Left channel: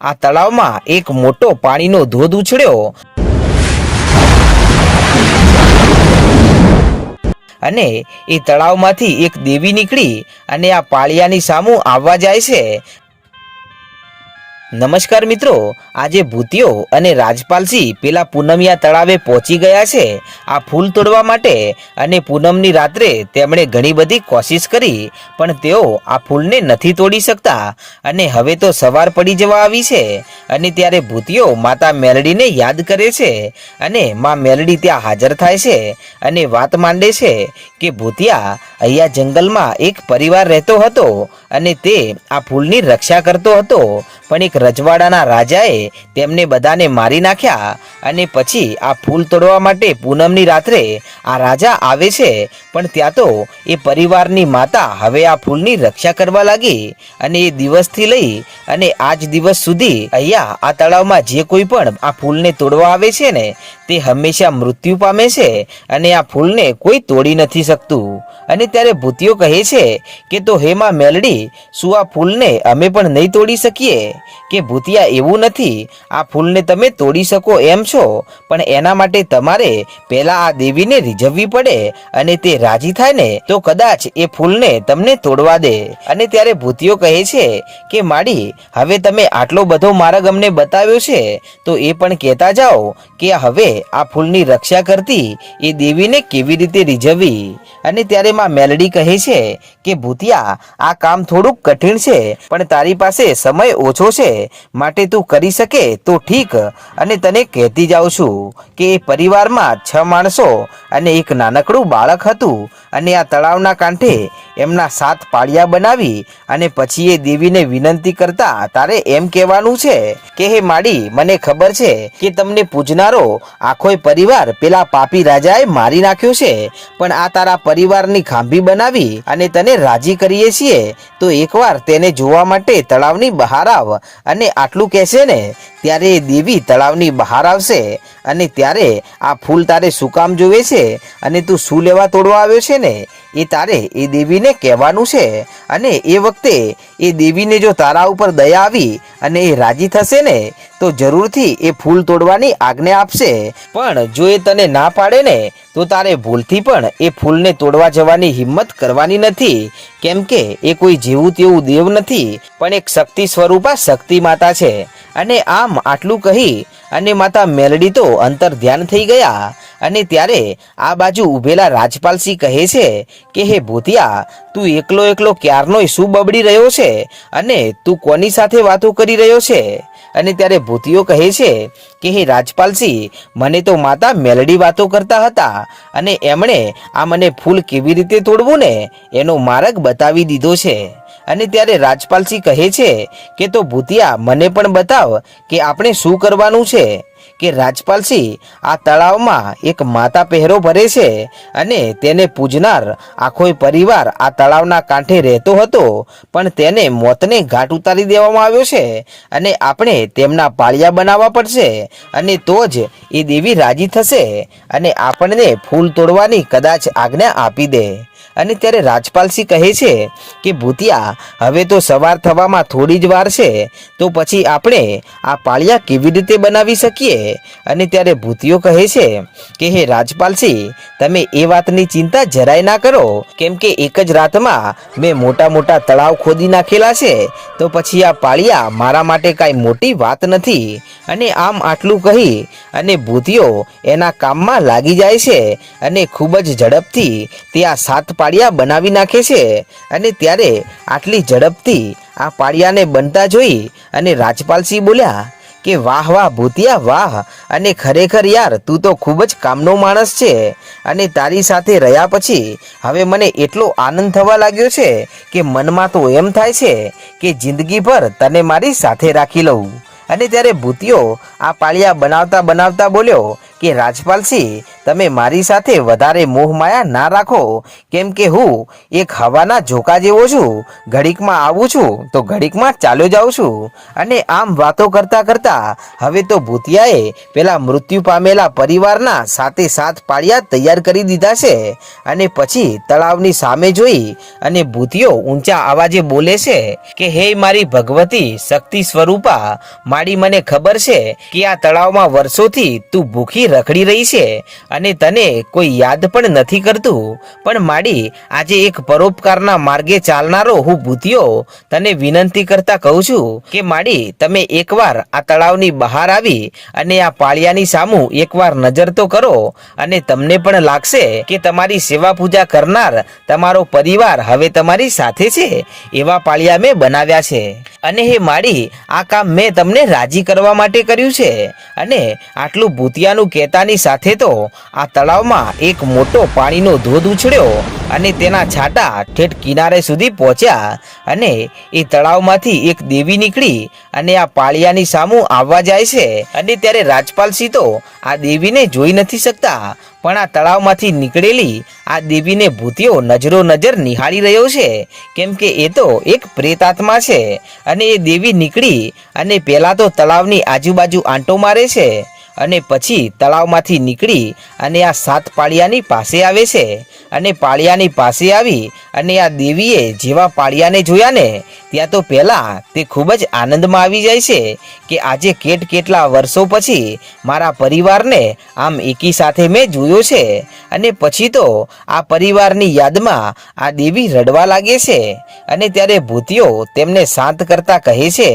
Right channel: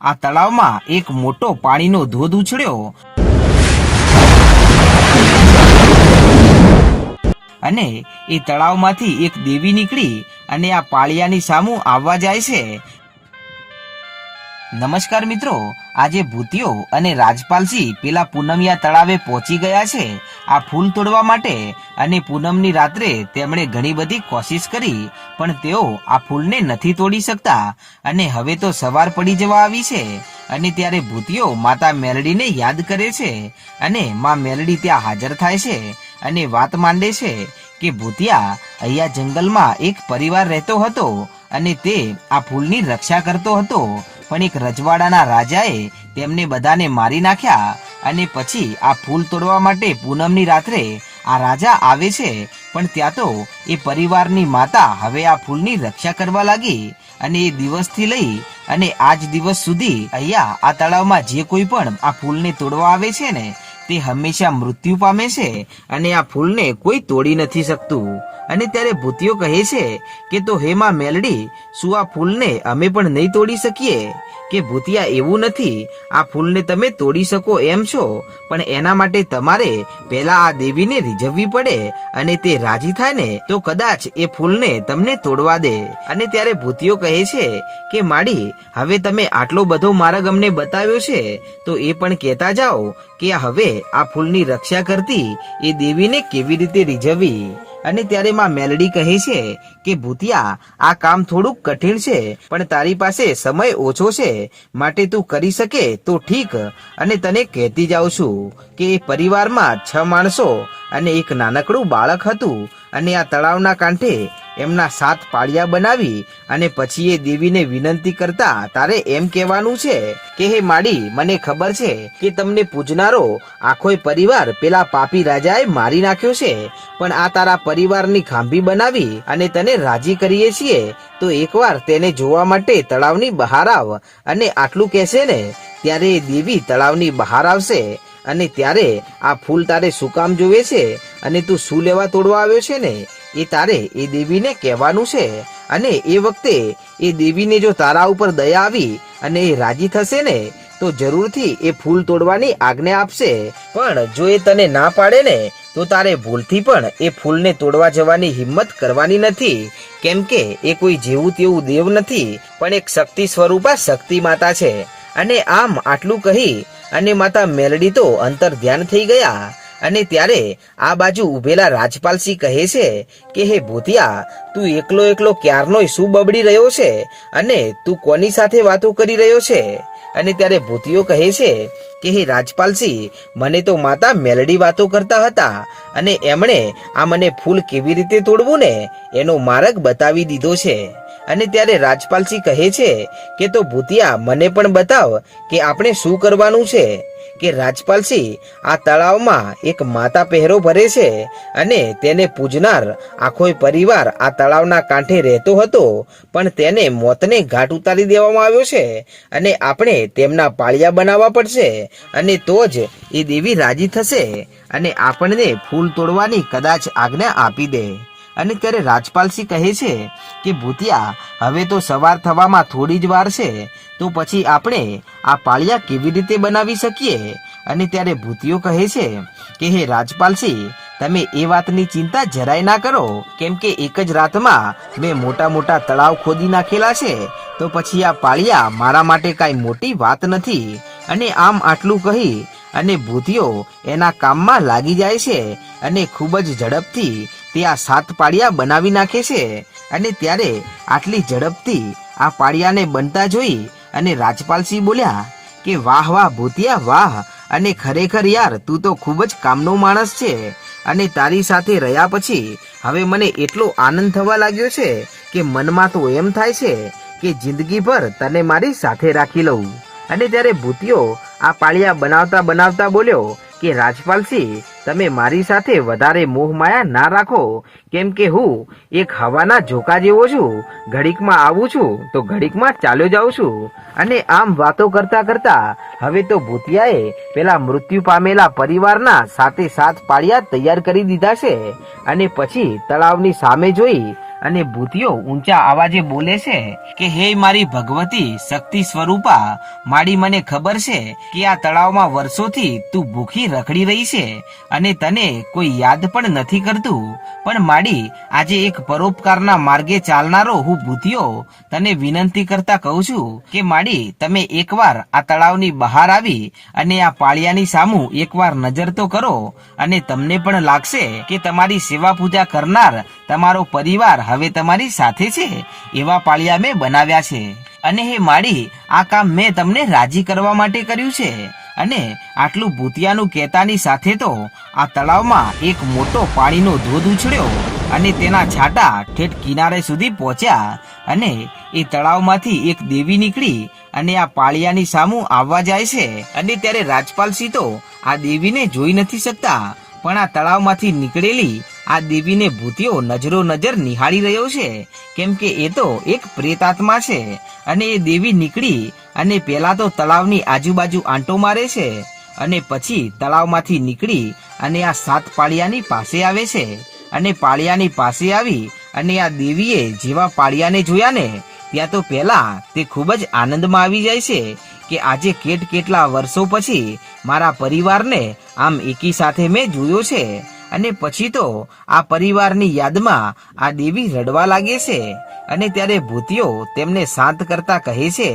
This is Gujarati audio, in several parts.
આ તળાવમાં એક મોટો પાણીનો ધોધ ઉછળ્યો. અને એ તળાવમાંથી એક દેવી નીકળી અને આ પાળિયાની સામું આવવા જાય છે. નમસ્કાર મિત્રો આજે ભૂતિયો અને રાજપાલસિંહ પેલા પૂનમિયા તળાવે પહોંચી ગયા છે. આ ફૂલ તોડવા માટે અને પૂનમની રાત્રે તેમણે ઘણી બધી કોશિશ કરી, પણ તેઓ આ ફૂલને નથી તોડી શકતા. અને હવે તો સવાર પડી જવા આવી છે અને ત્યારે ભૂતિયો માતા મેલડીને યાદ કરે છે અને મા મેલડી ત્યાં હાજર થાય છે અને વાત માંડે છે કે ભૂતિયા અહીંયા જંગલમાં એક પરિવાર રહેતો હતો અને તે આ ફૂલની રક્ષા કરતો હતો. પણ એક રજવાડાના રાજાએ તેમને બધાને મારી નાખ્યા અને પછી આ ફૂલ તોડવા માટે પૂનમની રાત્રે આ રાજા આવે છે. પણ ત્યાં તો એ પરિવારની માતા હવે આ ફૂલની રક્ષા કરવા લાગી અને એ દિવસથી લઈ અને આજ દિવસ સુધી અહીંયા આ તળાવમાં જે કોઈ પણ આ ફૂલને તોડવા આવે છે ને તે હંમેશા મૃત્યુ પામે છે અને આ ફૂલને કોઈ તોડી નથી શકતું. અને ત્યારે ભૂતિયો કહે છે કે, તો હેમાં મેલડી, શું આ ફૂલને અમે પણ નહીં તોડી શકીએ? કે ભૂતિયા એવું નથી, આ ફૂલને તમે તોડી શકો એમ છો? પણ એના માટે તમારે પહેલા આ દેવીને રીઝવવી પડે અને તે રાજી થાય ને, તો કદાચ એ ફૂલને તમને તોડવા દે. અને ત્યારે ભૂતિયો કહે છે કે, માડી, હવે તમે આટલો બધો માર્ગ અમને બતાવ્યો છે, તો એ પણ કહેતા જાઓ કે, હવે આ ફૂલની રક્ષા કરતી એ દેવીને કેવી રીતે રીઝવવી? અને ત્યારે માં મેલડી કહે છે કે, ભૂતિયા, આ કામ થોડુંક કઠિન છે, પણ તારી પાસે સમય ઓછો છે. માટે તું કરી શકે તો ઠીક. અને તને કહેતી જાઉં છું કે પરિવારમાં છ માણસો અને એક નાનકડું બાળક હતું. અને આ તળાવના કાંઠે એમના સાત પાળિયા બનાવી અને પછી એ દેવીને વિનંતી કરતા, તારે એમ કહેવાનું છે કે, હે માડી, મને ખબર છે કે, તમને પૂજનારો આખોય પરિવાર પેલા પાપી રાજાએ મારી નાખ્યો છે. પણ આ તારા પરિવારની ખાંભી બનાવી અને તને રાજી કરીએ છીએ, તો એકવાર તેને જોવા માટે તળાવની બહાર આવ અને આટલું કહેશે ને, ત્યારે એ દેવી તળાવની બહાર આવશે અને ત્યારે આ ફૂલ તારે શું કામ જોવે છે અને તું શું લેવા તોડવા આવ્યો છે ને? એ તારે એ દેવીને કહેવાનું છે. અને એ વખતે એ દેવીને જો તારા ઉપર દયા આવી અને એ રાજી થશે ને, તો જરૂરથી એ ફૂલ તોડવાની આજ્ઞા આપશે. પણ જો એ તને ના પાડે ને, તો તારે ભૂલથી પણ એ ફૂલને તોડવા જવાની હિંમત કરવાની નથી. કેમ કે એ કોઈ જેવું તેવું દેવ નથી, પણ એક શક્તિ સ્વરૂપા શક્તિ માતા છે. અને આમ આટલું કહી અને માતા મેલડી તો અંતર ધ્યાન થઈ ગયા. અને ત્યારે આ બાજુ ઉભેલા રાજપાલસિંહ કહે છે કે, હે ભૂતિયા, તું એકલો એકલો ક્યારનોય શું બબડી રહ્યો છે? અને તું કોની સાથે વાતો કરી રહ્યો છે? અને ત્યારે ભૂતિયો કહે છે કે, હે રાજપાલસિંહ, મને તો માતા મેલડી વાતો કરતા હતા અને એમણે આ મને ફૂલ કેવી રીતે તોડવું ને? એનો માર્ગ બતાવી દીધો છે. અને ત્યારે રાજપાલસિંહ કહે છે કે, તો ભૂતિયા, મને પણ બતાવ કે આપણે શું કરવાનું છે? કે રાજપાલસિંહ આ તળાવમાં એક માતા પહેરો ભરે છે અને તેને પૂજનાર આખો પરિવાર આ તળાવના કાંઠે રહેતો હતો. પણ તેને મોતને ઘાટ ઉતારી દેવામાં આવ્યો છે અને આપણે તેમના પાળિયા બનાવવા પડશે અને તો જ એ દેવી રાજી થશે અને આપણને ફૂલ તોડવાની કદાચ આજ્ઞા આપી દે. અને ત્યારે રાજપાલસિંહ કહે છે કે, ભૂતિયા, હવે તો સવાર થવામાં થોડી જ વાર છે, તો પછી આપણે આ પાળિયા કેવી રીતે બનાવી શકીએ? અને ત્યારે ભૂતિયો કહે છે કે, હે રાજપાલસિંહ તમે એ વાતની ચિંતા જરાય ના કરો. કેમ કે એક જ રાતમાં મેં મોટા મોટા તળાવ ખોદી નાખેલા છે, તો પછી આ પાળિયા મારા માટે કાંઈ મોટી વાત નથી. અને આમ આટલું કહી અને ભૂતિયો એના કામમાં લાગી જાય છે અને ખૂબ જ ઝડપથી તે આ સાત પાળિયા બનાવી નાખે છે. અને ત્યારે આટલી ઝડપથી આ પાળિયાને બનતા જોઈ અને રાજપાલસિંહ બોલ્યા કે વાહ વાહ ભૂતિયા વાહ અને ખરેખર યાર તું તો ખૂબ જ કામનો માણસ છે. અને તારી સાથે રહ્યા પછી હવે મને એટલો આનંદ થવા લાગ્યો છે કે મનમાં તો એમ થાય છે કે જિંદગીભર તને મારી સાથે રાખી લઉં. અને ત્યારે ભૂતિયો આ પાળિયા બનાવતા બનાવતા બોલ્યો કે રાજપાલસિંહ તમે મારી સાથે વધારે મોહ માયા ના રાખો. કેમ કે હું એક હવાના ઝોકા જેવો છું. ઘડીકમાં આવું છું તો ઘડીકમાં ચાલ્યો જાઉં છું. અને આમ વાતો કરતા કરતા હવે તો ભૂતિયાએ પેલા મૃત્યુ પામેલા પરિવારના સાથે સાથ પાળિયા તૈયાર કરી દીધા છે. અને પછી તળાવની સામે જોઈ અને ભૂતિયો ઊંચા અવાજે બોલે છે કે, હે મારી ભગવતી શક્તિ સ્વરૂપા માડી મને ખબર છે કે આ તળાવમાં વર્ષોથી તું ભૂખી રખડી રહી છે. અને તને કોઈ યાદ પણ નથી કરતું? પણ માડી, આજે એક પરોપકારના માર્ગે ચાલનારો હું ભૂતિયો, તને વિનંતી કરતા કહું છું કે માડી, તમે એકવાર આ તળાવની બહાર આવી અને આ પાળિયાની સામું એકવાર નજર તો કરો અને તમને પણ લાગશે કે તમારી સેવા પૂજા કરનાર તમારો પરિવાર હવે તમારી સાથે છે, એવા પાળિયા મેં બનાવ્યા છે. અને હે માડી, આ કામ મેં તમને રાજી કરવા માટે કર્યું છે. અને આટલું ભૂતિયાનું કહેતાની સાથે તો આ તળાવમાં એક મોટો પાણીનો ધોધ ઉછળ્યો અને તેના છાંટા ઠેઠ કિનારે સુધી પહોંચ્યા અને એ તળાવમાંથી એક દેવી નીકળી અને આ પાળિયાની સામું આવવા જાય છે. અને ત્યારે રાજપાલસિંહ તો આ દેવીને જોઈ નથી શકતા, પણ આ તળાવમાંથી નીકળેલી આ દેવીને ભૂતિયો નજરો નજર નિહાળી રહ્યો છે. કેમ કે એ તો એક પ્રેતાત્મા છે અને એ દેવી નીકળી અને પહેલાં તો તળાવની આજુબાજુ આંટો મારે છે અને પછી તળાવમાંથી નીકળી અને આ સાત પાળિયાની પાસે આવે છે અને પાળિયાની પાસે આવી અને આ દેવીએ જેવા પાળિયાને જોયા ને, ત્યાં તો પહેલા તે ખૂબ જ આનંદમાં આવી જાય છે કે આજે કેટ કેટલા વર્ષો પછી મારા પરિવારને આમ એકી સાથે મેં જોયો છે. અને પછી તો આ પરિવારની યાદમાં આ દેવી રડવા લાગે છે અને ત્યારે ભૂતિયો તેમને શાંત કરતા કહે છે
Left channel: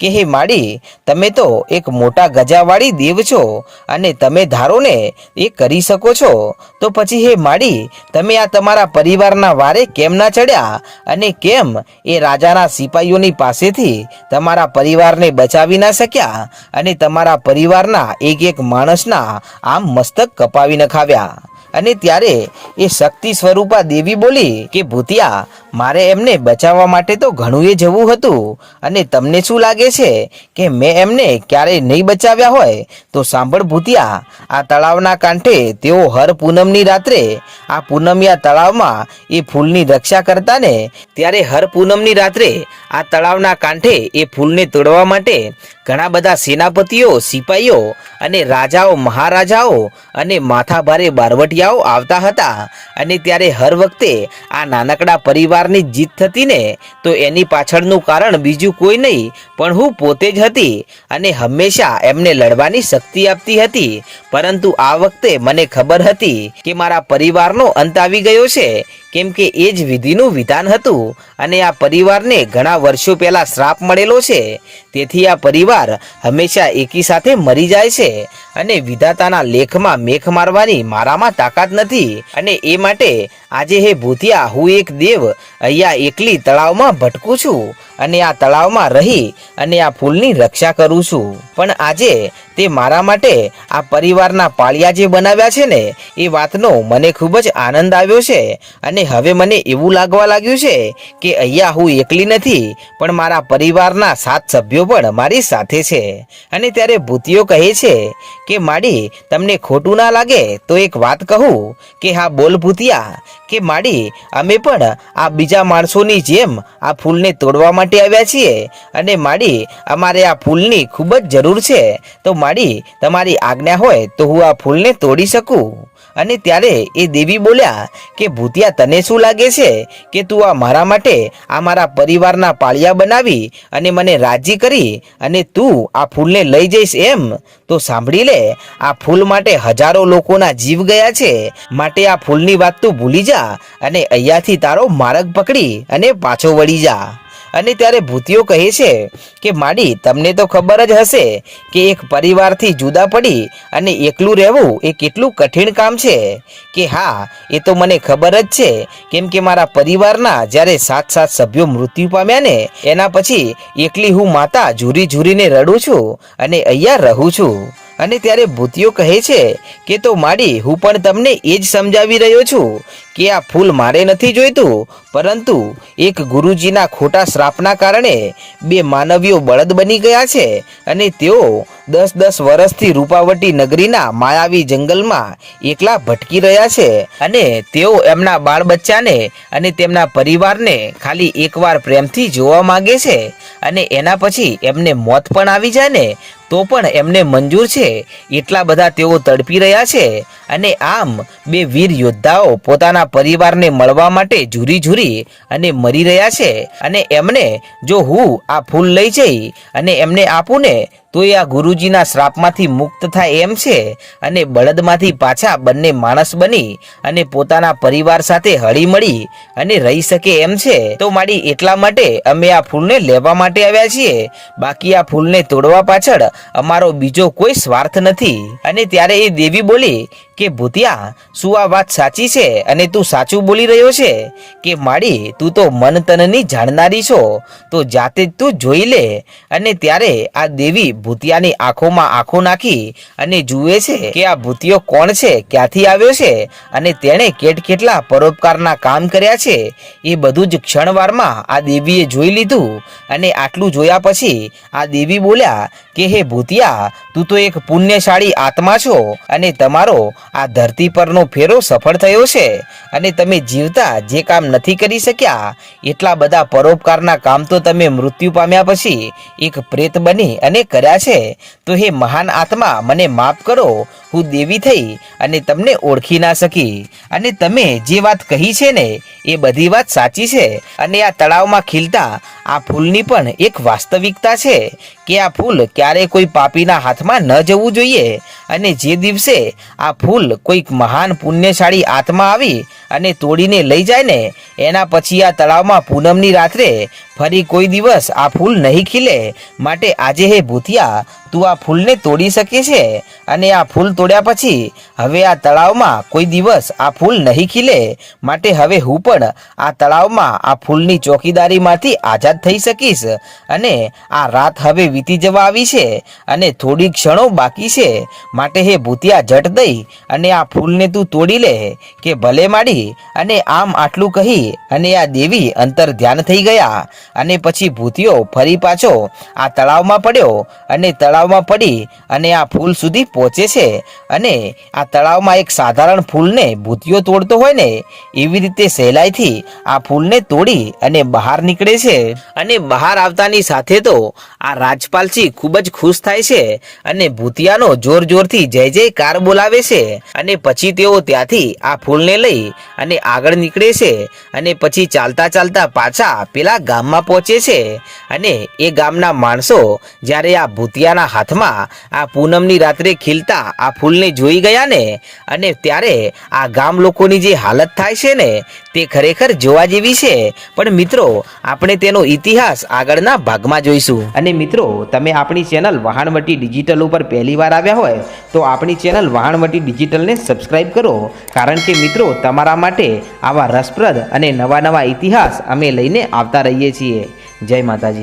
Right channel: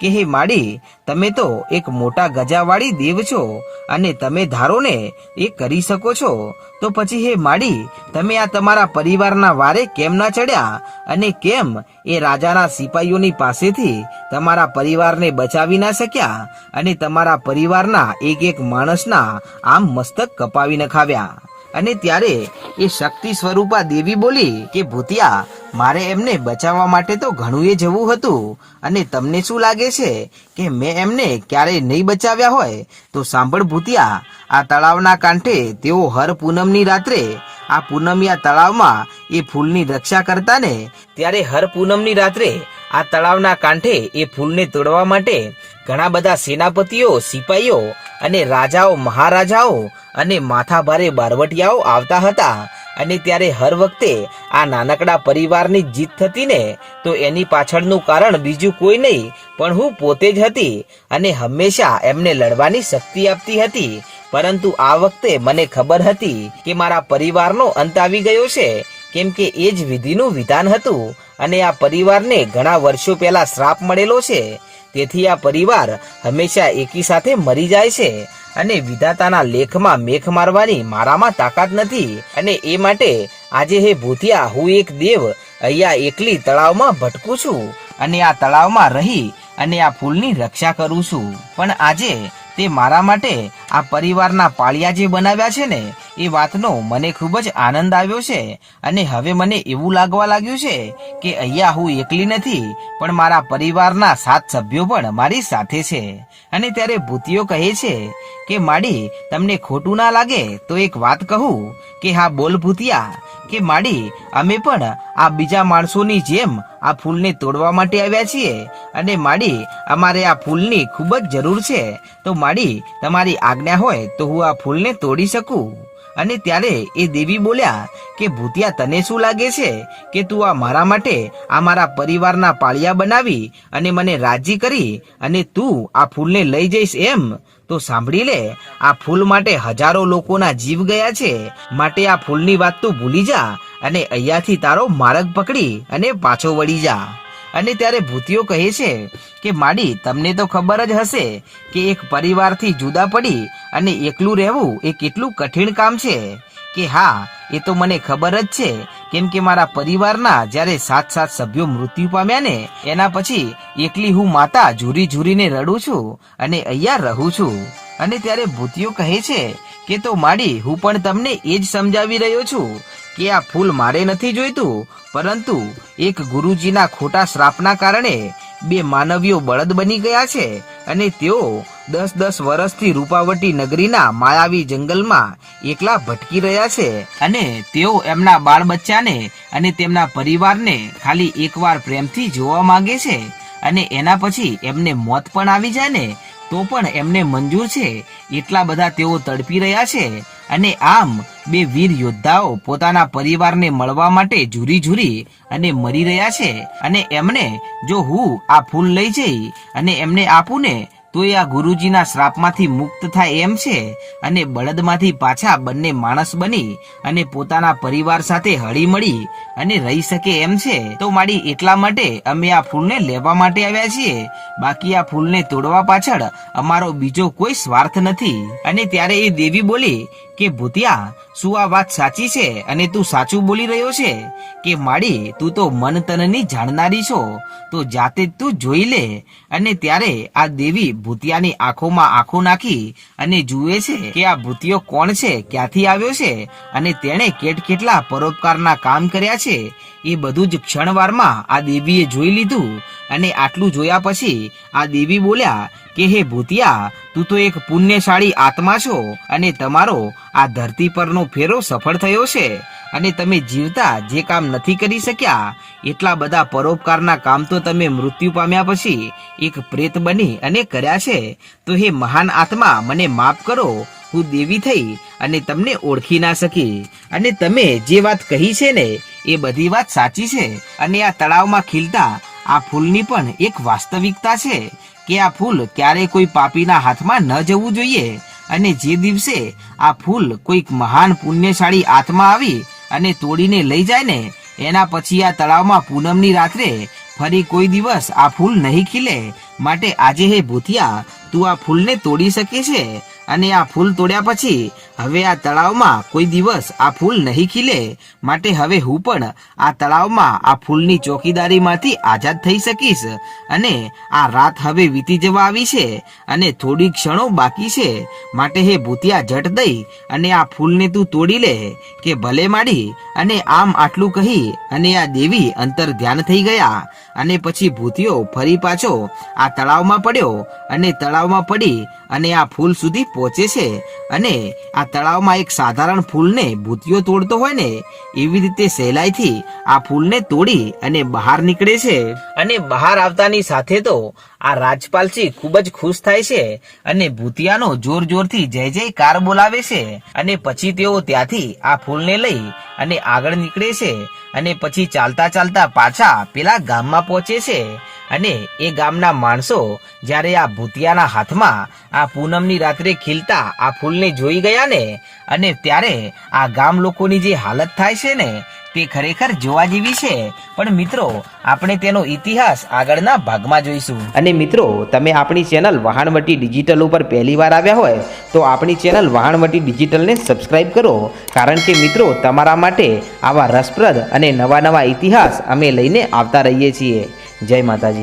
કે, હે માડી, તમે તો એક મોટા ગજાવાળી દેવ છો અને તમે ધારો ને એ કરી શકો છો. તો પછી, હે માડી, તમે આ તમારા પરિવારના વારે કેમ ના ચડ્યા? અને કેમ એ રાજાના સિપાહીઓની પાસેથી તમારા પરિવારને બચાવી ના શક્યા? અને તમારા પરિવારના એક એક માણસના આમ મસ્તક કપાવી નખાવ્યા? અને ત્યારે એ શક્તિ સ્વરૂપા દેવી બોલી કે, ભૂતિયા, મારે એમને બચાવવા માટે તો ઘણું એ જવું હતું. અને તમને શું લાગે છે કે મેં એમને ક્યારેય નહીં બચાવ્યા હોય? તો સાંભળ ભૂતિયા, આ તળાવના કાંઠે તેઓ હર પૂનમની રાત્રે, આ પૂનમિયા તળાવમાં એ ફૂલની રક્ષા કરતા ને ત્યારે હર પૂનમની રાત્રે આ તળાવના કાંઠે એ ફૂલને તોડવા માટે ઘણા બધા સેનાપતિઓ સિપાહીઓ અને રાજાઓ, મહારાજાઓ અને માથાભારે બારવટિયાઓ આવતા હતા અને ત્યારે હર વખતે આ નાનકડા પરિવારની જીત થતી ને તો એની પાછળનું કારણ બીજું કોઈ નહીં, પણ હું પોતે જ હતી અને હંમેશા એમને લડવાની શક્તિ આપતી હતી. પરંતુ આ વખતે મને ખબર હતી કે મારા પરિવારનો અંત આવી ગયો છે કેમ કે એ જ વિધિનું વિધાન હતું અને આ પરિવારને ઘણા વર્ષો પહેલા શ્રાપ મળેલો છે. તેથી આ પરિવાર હંમેશા એકી સાથે મરી જાય છે અને વિધાતાના લેખમાં મેખ મારવાની મારામાં તાકાત નથી. અને એ માટે આજે હે ભૂતિયા, હું એક દેવ, અહીંયા એકલી તળાવમાં ભટકું છું અને આ તળાવમાં રહી અને આ ફૂલની રક્ષા કરું છું. પણ આજે તે મારા માટે આ પરિવારના પાળિયા જે બનાવ્યા છે ને, એ વાતનો મને ખૂબ જ આનંદ આવ્યો છે. અને હવે મને એવું લાગવા લાગ્યું છે કે અહીંયા હું એકલી નથી, પણ મારા પરિવારના સાત સભ્યો પણ મારી સાથે છે. અને ત્યારે ભૂતિયો કહે છે કે, માડી, તમને ખોટું ના લાગે તો એક વાત કહું કે, હા, બોલ ભૂતિયા, કે, માડી, અમે પણ આ બીજા માણસોની જેમ આ ફૂલને તોડવા માટે આવ્યા છીએ. અને માડી, અમારે આ ફૂલની ખૂબ જ જરૂર છે. તો માડી તમારી આજ્ઞા હોય તો હું આ ફૂલને તોડી શકું. અને ત્યારે એ દેવી બોલ્યા કે, ભૂતિયા, તને શું લાગે છે કે તું આ મારા માટે આ મારા પરિવારના પાળિયા બનાવી અને મને રાજી કરી અને તું આ ફૂલને લઈ જઈશ એમ? તો સાંભળી લે, આ ફૂલ માટે હજારો લોકોના જીવ ગયા છે. માટે આ ફૂલની વાત તું ભૂલી જા અને અહીંયાથી તારો માર્ગ પકડી અને પાછો વળી જા. અને ત્યારે ભૂતિયો કહે છે કે, માડી, તમને તો ખબર જ હશે કે એક પરિવારથી જુદા પડી અને એકલું રહેવું એ કેટલું કઠિન કામ છે. કે, હા, એ તો મને ખબર જ છે. કેમ કે મારા પરિવારના જ્યારે સાત સાત સભ્યો મૃત્યુ પામ્યા ને, એના પછી એકલી હું માતા ઝૂરી ઝૂરીને રડું છું અને અહીંયા રહું છું. અને ત્યારે ભૂતિયો કહે છે કે, તો માડી, હું પણ તમને એ જ સમજાવી રહ્યો છું કે આ ફૂલ મારે નથી જોઈતું, પરંતુ એક ગુરુજીના ખોટા શ્રાપના કારણે બે માનવીઓ બળદ બની ગયા છે અને તેઓ દસ દસ વર્ષથી રૂપાવટી નગરીના માયાવી જંગલમાં એકલા ભટકી રહ્યા છે અને તેઓ એમના બાળ બચ્ચાને અને તેમના પરિવારને ખાલી એકવાર પ્રેમથી જોવા માગે છે અને એના પછી એમને મોત પણ આવી જાય ને તો પણ એમને મંજૂર છે. એટલા બધા તેઓ તડપી રહ્યા છે અને આમ બે વીર યોદ્ધાઓ પોતાના પરિવારને મળવા માટે ઝૂરી ઝૂરી અને મરી રહ્યા છે. અને એમને જો હું આ ફૂલ લઈ જઈ અને એમને આપું ને તો એ આ ગુરુજીના શ્રાપમાંથી મુક્ત થાય એમ છે. અને બળદમાંથી પાછા બંને માણસ બની અને પોતાના પરિવાર સાથે હળી મળી અને રહી શકે એમ છે. તો મારી એટલા માટે અમે આ ફૂલને લેવા માટે આવ્યા છીએ. બાકી આ ફૂલને તોડવા પાછળ અમારો બીજો કોઈ સ્વાર્થ નથી. અને ત્યારે એ દેવી બોલી કે, ભૂતિયા શું આ વાત સાચી છે અને તું સાચું બોલી રહ્યો છે? કે માડી, તું તો મન તનની જાણનારી છો, તો જાતે જ તું જોઈ લે અને ત્યારે આ દેવી ભૂતિયાની આંખોમાં આંખો નાખી અને જુએ છે કે આ ભૂતિયો કોણ છે, ક્યાંથી આવ્યો છે અને તેણે કેટ કેટલા પરોપકારના કામ કર્યા છે, એ બધું જ ક્ષણવારમાં આ દેવીએ જોઈ લીધું અને આટલું જોયા પછી આ દેવી બોલ્યા કે હે ભૂતિયા, તું તો એક પુણ્યશાળી આત્મા છો અને તમારો આ ધરતી પરનો ફેરો સફળ થયો છે અને તમે જીવતા જે કામ નથી કરી શક્યા, એટલા બધા પરોપકારના કામ તો તમે મૃત્યુ પામ્યા પછી એક પ્રેત બની અને કર્યા છે. તો હે મહાન આત્મા, મને માફ કરો હું દેવી થઈ અને તમને ઓળખી ના શકી. અને તમે જે વાત કહી છે ને, એ બધી વાત સાચી છે. અને આ તળાવમાં ખીલતા આ ફૂલની પણ એક વાસ્તવિકતા છે કે આ ફૂલ ક્યારે કોઈ પાપીના હાથમાં ન જવું જોઈએ. અને જે દિવસે આ ફૂલ કોઈક મહાન પુણ્યશાળી આત્મા આવી અને તોડીને લઈ જાય ને, એના પછી આ તળાવમાં પૂનમની રાત્રે ફરી કોઈ દિવસ આ ફૂલ નહીં ખીલે. માટે આજે હે ભૂતિયા, તું આ ફૂલને તોડી શકે છે? અને આ ફૂલ તોડ્યા પછી હવે આ તળાવમાં કોઈ દિવસ આ ફૂલ નહીં ખીલે. માટે હવે હું પણ આ તળાવમાં આ ફૂલની ચોકીદારીમાંથી આઝાદ થઈ શકીશ. અને આ રાત હવે વીતી જવા આવી છે અને થોડી ક્ષણો બાકી છે. માટે હે ભૂતિયા જટ દઈ અને આ ફૂલને તું તોડી લે, કે ભલે માડી. અને આમ આટલું કહી અને આ દેવી અંતર ધ્યાન થઈ ગયા. અને પછી ભૂતિયો ફરી પાછો આ તળાવમાં પડ્યો અને તળાવમાં પડી અને આ ફૂલ સુધી પહોંચે છે. અને આ તળાવમાં એક સાધારણ ફૂલને ભૂતિયો તોડતો હોય ને, એવી રીતે સહેલાઈથી આ ફૂલને તોડી અને બહાર નીકળે છે. અને બહાર આવતાની સાથે તો આ રાજપાલસિંહ ખૂબ જ ખુશ થાય છે અને ભૂતિયાનો જોર જોરથી જય જયકાર બોલાવે છે. અને પછી તેઓ ત્યાંથી આ ફૂલને લઈ અને આગળ નીકળે છે. અને પછી ચાલતા ચાલતા પાછા પેલા ગામમાં પહોંચે છે અને એ ગામના માણસો જ્યારે આ ભૂતિયાના હાથમાં આ પૂનમની રાત્રે ખીલતા આ ફૂલને જોઈ ગયા ને અને ત્યારે આ ગામ લોકોની જે હાલત થાય છે ને તે ખરેખર જોવા જેવી છે. પણ મિત્રો, આપણે તેનો ઇતિહાસ આગળના ભાગમાં જોઈશું. અને મિત્રો, તમે આપણી ચેનલ વહાણવટી ડિજિટલ ઉપર પહેલી વાર આવ્યા હોય, તો આપણી ચેનલ વહાણવટી ડિજિટલને સબસ્ક્રાઈબ કરો. કારણ કે મિત્રો, તમારા માટે આવા રસપ્રદ અને નવા નવા ઇતિહાસ અમે લઈને આવતા રહીએ છીએ. જય માતાજી.